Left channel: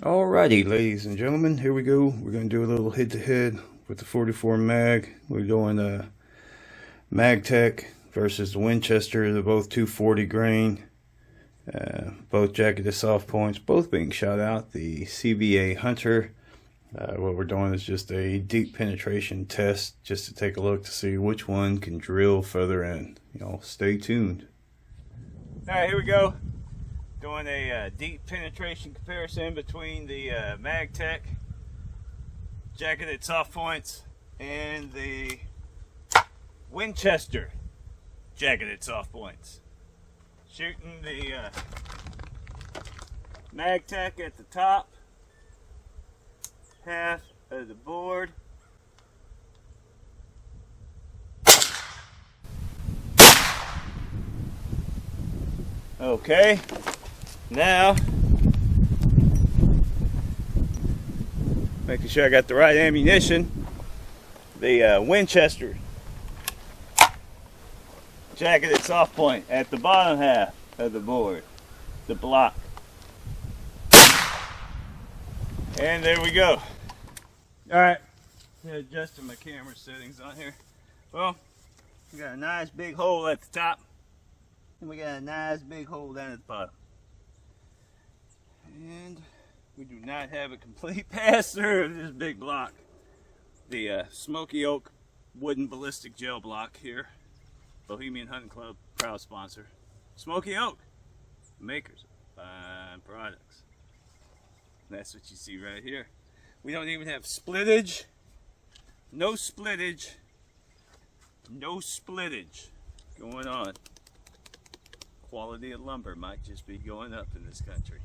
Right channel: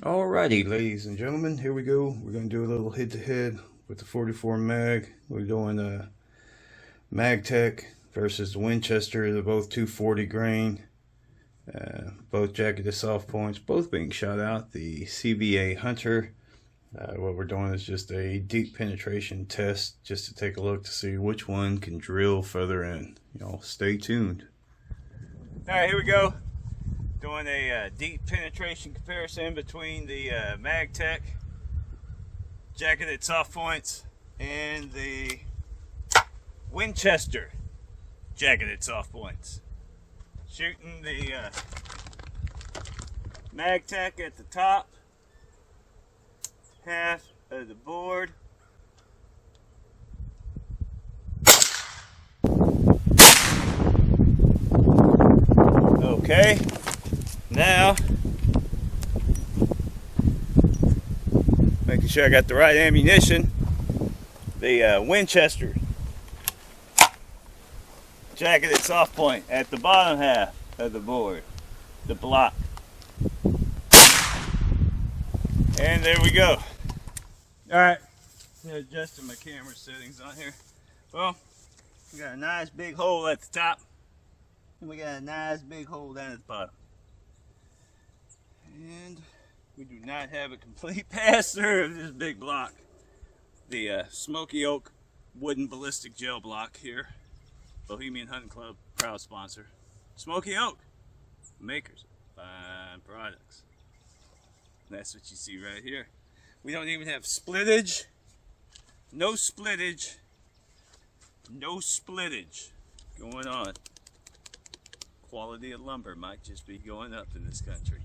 Alrighty, ladies and gentlemen, here we go. We're going to do a little head-to-head with the 44 mag. We're doing the MAGTECH versus the Winchester. They're both 240 grain, both jacketed soft points, both being shot out. The CBA Hunter. What we're doing is just a deep penetration test, just to take a look to see which one can drill further in. Stay tuned. Alright, here we go. Doing a deep penetration comparison between the MAGTECH jacketed soft points and the Winchester jacketed soft points. Shooting the MAGTECH at the top half of the board. Okay. Now, making sure I got the right ammunition, the Winchester jacketed soft point at the bottom half of the board, the block. And there we go. Alright, adjusting my camera settings on here. Well, we got a nice big hole at the top, and we got a nice big hole down at the bottom. And we do not have a complete pass-through of this big block. The Smoky Oak wooden ballistic gel block here. Bohemian Hunting Club, proud sponsor. Smoky Oak, makers of fine products. That's what you see right here. We don't even have splittage. No splittage. No splittage going on. Quality of lumber might just be going up in this country.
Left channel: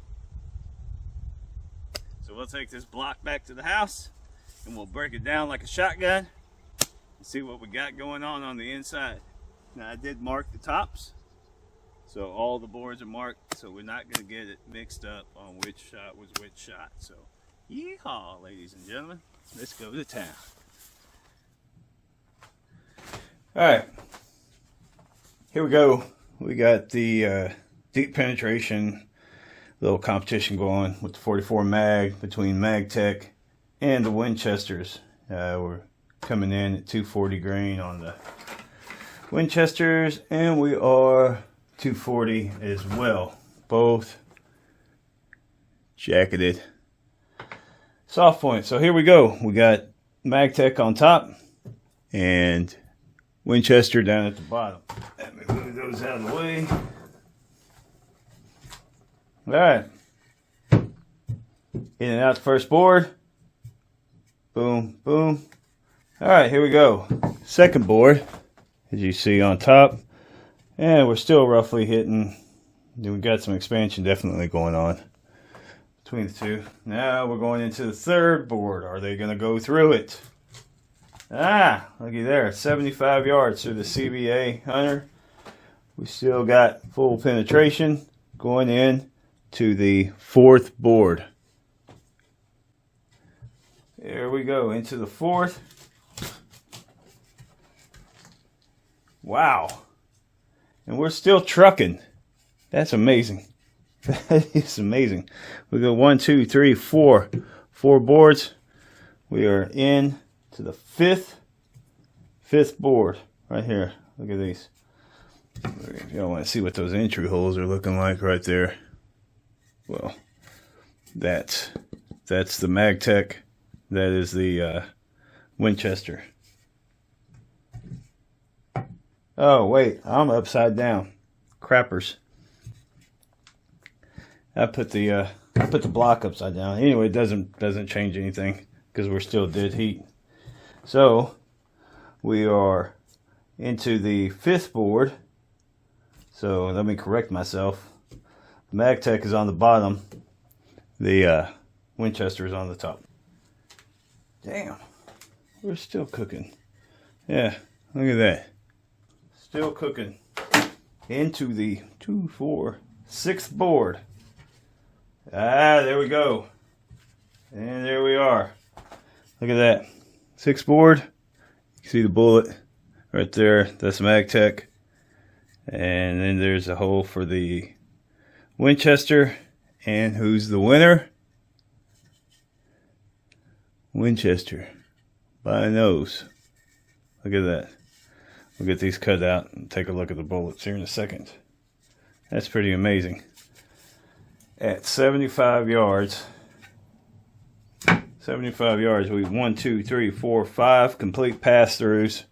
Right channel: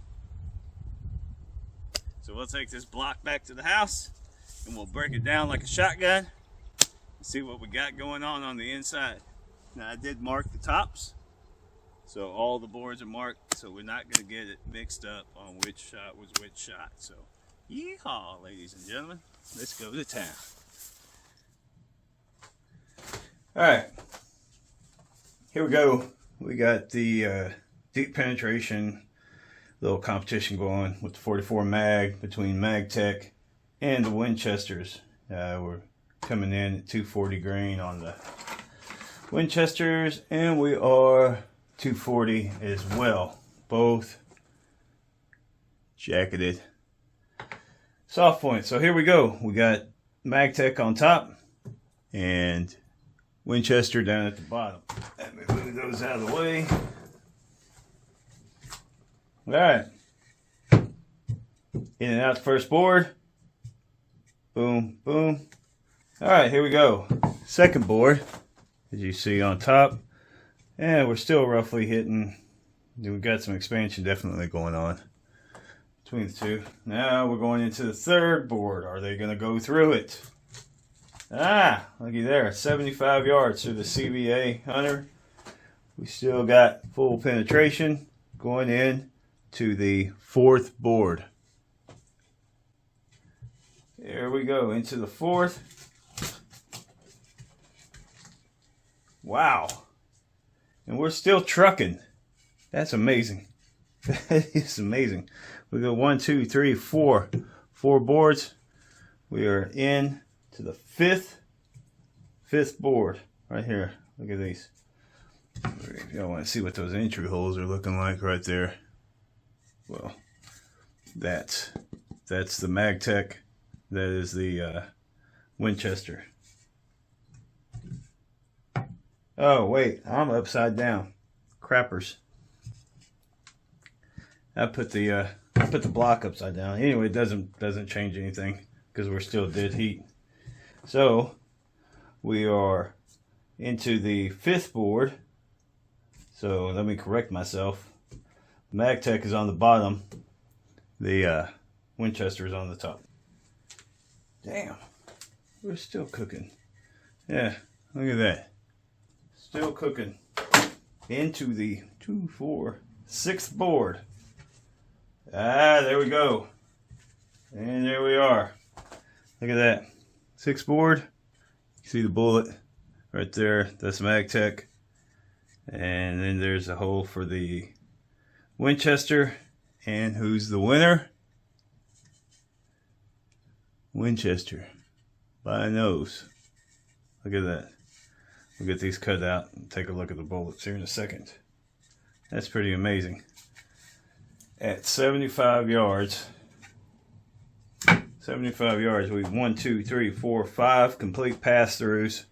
So we'll take this block back to the house and we'll break it down like a shotgun and see what we got going on the inside. Now I did mark the tops, so all the boards are marked, so we're not going to get it mixed up on which shot was which shot. So yeehaw, ladies and gentlemen, let's go to town. Alright, here we go. We got the deep penetration little competition going with the 44 mag between MAGTECH and the Winchesters. We're coming in at 240 grain on the Winchesters, and we are 240 as well. Both jacketed soft points. So here we go. We got MAGTECH on top and Winchester down at the bottom. Let me move those out of the way. Alright, in and out the first board. Boom, boom. Alright, here we go. Second board, as you see on top. And we're still roughly hitting. We've got some expansion definitely going on between the two. Now we're going into the third board. Are they going to go through it? Ah, looky there. 75 yards through the CBA Hunter. We still got full penetration going in to the fourth board. There we go, into the fourth. Wow. And we're still trucking. That's amazing. That is amazing. We go 1, 2, 3, 4. 4 boards. We are in to the fifth board right here. Look at these. If y'all want to see what those entry holes are looking like right there. Well, that's the MAGTECH. That is the Winchester. Oh wait, I'm upside down. Crappers. I put the block upside down. Anyway, it doesn't change anything because we're still dead heat. So we are into the fifth board. So let me correct myself. MAGTECH is on the bottom. The Winchester is on the top. Damn, we're still cooking. Yeah, look at that. Still cooking. Into the 2, 4, 6th board. Ah, there we go. And there we are. Look at that. 6th board. You see the bullet right there. That's MAGTECH. And then there's a hole for the Winchester. And who's the winner? Winchester by a nose. Look at that. We'll get these cut out and take a look at the bullets here in a second. That's pretty amazing. At 75 yards, 75 yards, we 1, 2, 3, 4, 5 complete pass-throughs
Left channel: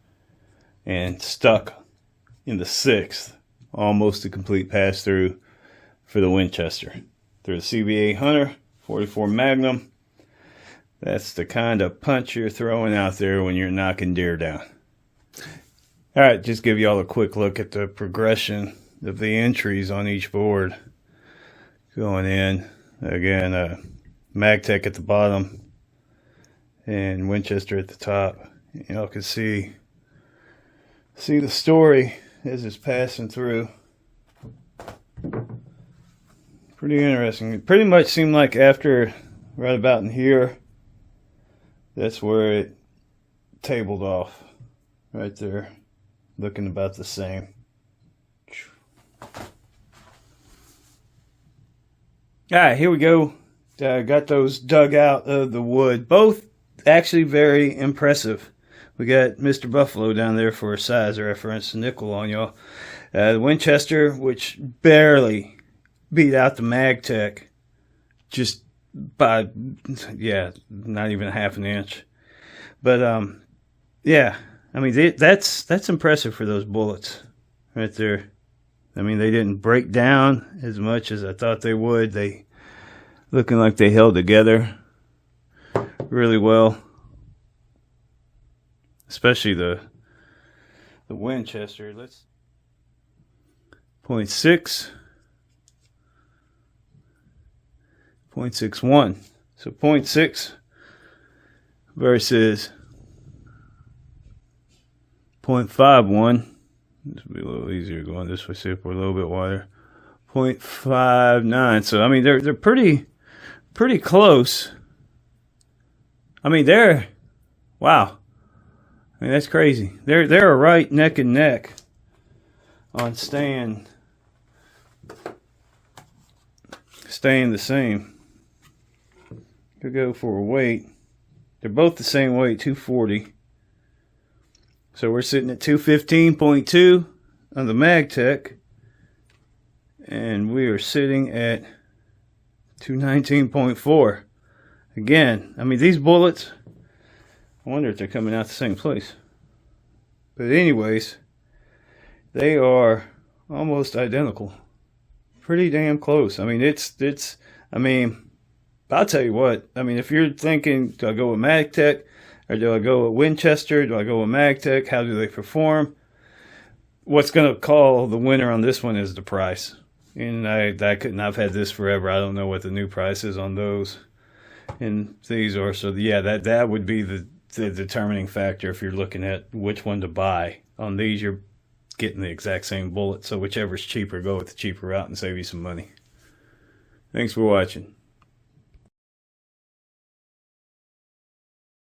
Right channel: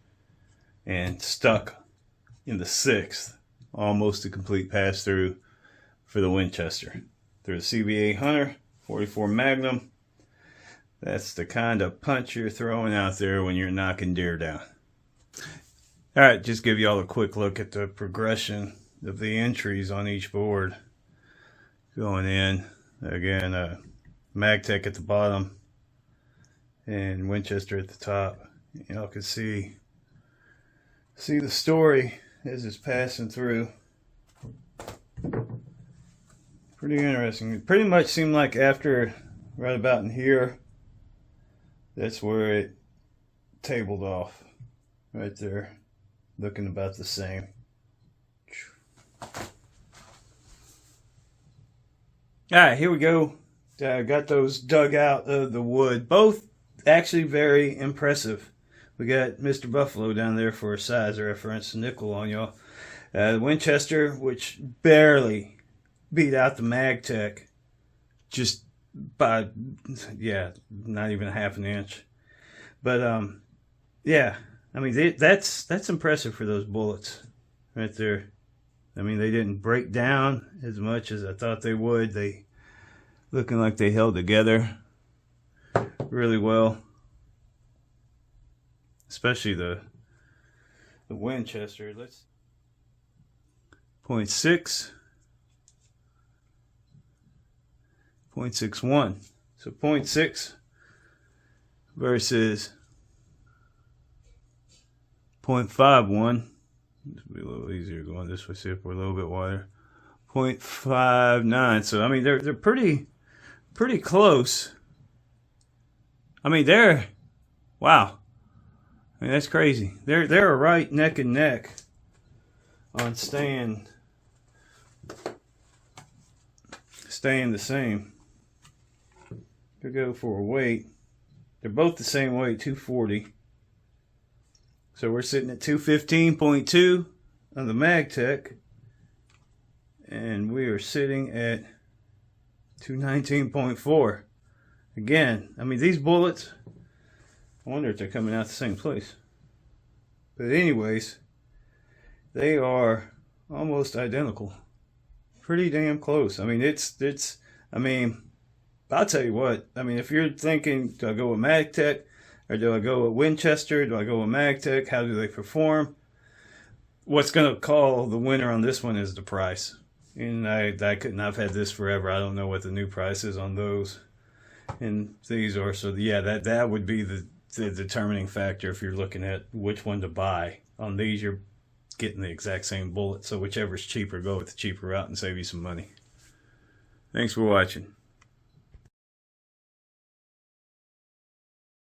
and stuck in the 6th, almost a complete pass-through for the Winchester. Through the CBA Hunter, 44 Magnum. That's the kind of punch you're throwing out there when you're knocking deer down. All right, just give you all a quick look at the progression of the entries on each board. Going in, again, MAGTECH at the bottom and Winchester at the top. Y'all can see the story as it's passing through. Pretty interesting. It pretty much seemed like after, right about in here, that's where it tabled off. Right there. Looking about the same. Alright, here we go. Got those dug out of the wood. Both actually very impressive. We got Mr. Buffalo down there for a size reference, nickel on y'all. The Winchester, which barely beat out the MAGTECH, just by, yeah, not even half an inch. But yeah, I mean that's impressive for those bullets right there. I mean, they didn't break down as much as I thought they would. They looking like they held together really well, especially the Winchester. Let's 0.6, 0.61. So 0.6 versus 0.51. This will be a little easier going this way. See if we're a little bit wider. 0.59. So I mean, they're pretty close. I mean, wow. I mean, that's crazy. They're right neck and neck on staying the same. Could go for a weight. They're both the same weight, 240. So we're sitting at 215.2 on the MAGTECH, and we are sitting at 219.4. Again, I mean, these bullets, I wonder if they're coming out the same place. But anyways, they are almost identical. Pretty damn close. I mean, I mean, I'll tell you what. I mean, if you're thinking, do I go with MAGTECH or do I go with Winchester? Do I go with MAGTECH? How do they perform? What's going to call the winner on this one is the price. And I've had this forever. I don't know what the new price is on those. And these are, so yeah, that would be the determining factor if you're looking at which one to buy. On these, you're getting the exact same bullet. So whichever's cheaper, go with the cheaper route and save you some money. Thanks for watching.